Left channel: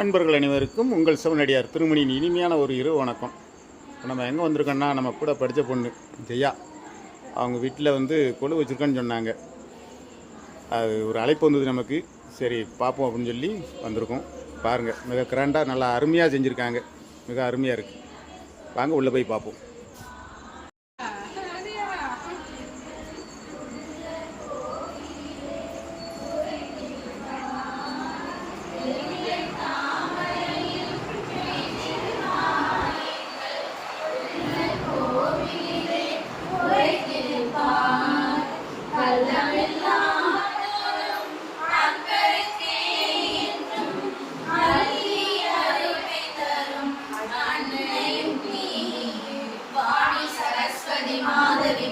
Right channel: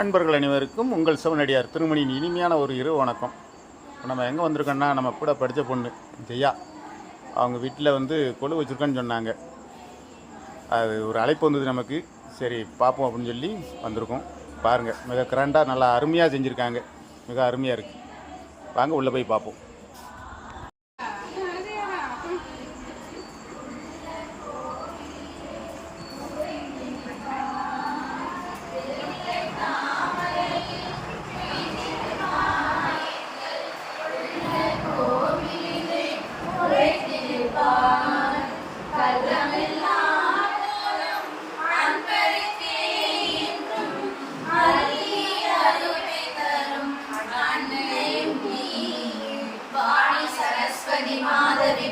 நண்பர்கள் அனைவருக்கும் உங்கள் சிவனடியார் திருமணியின் இனிமையான ஒரு இரவு வணக்கம். இப்போ நம்ம எங்கே வந்திருக்கோன்னா நம்ம கூட படித்த பொண்ணு ஜெயா. அவங்க வீட்டில் வந்து கொழு வச்சுருக்கேன்னு சொன்னாங்க. அது ஒரு அழைப்பு வந்தது நமக்கு. சரி பார்ப்போம் அப்படின்னு சொல்லி வந்திருக்கோம். பாருங்கள் மிக கிராண்டாக நல்லா அருமையாக செஞ்சுருக்காங்க. மிக அருமையாக இருக்குது வாங்க உள்ளே போய் பார்ப்போம் நாதரின்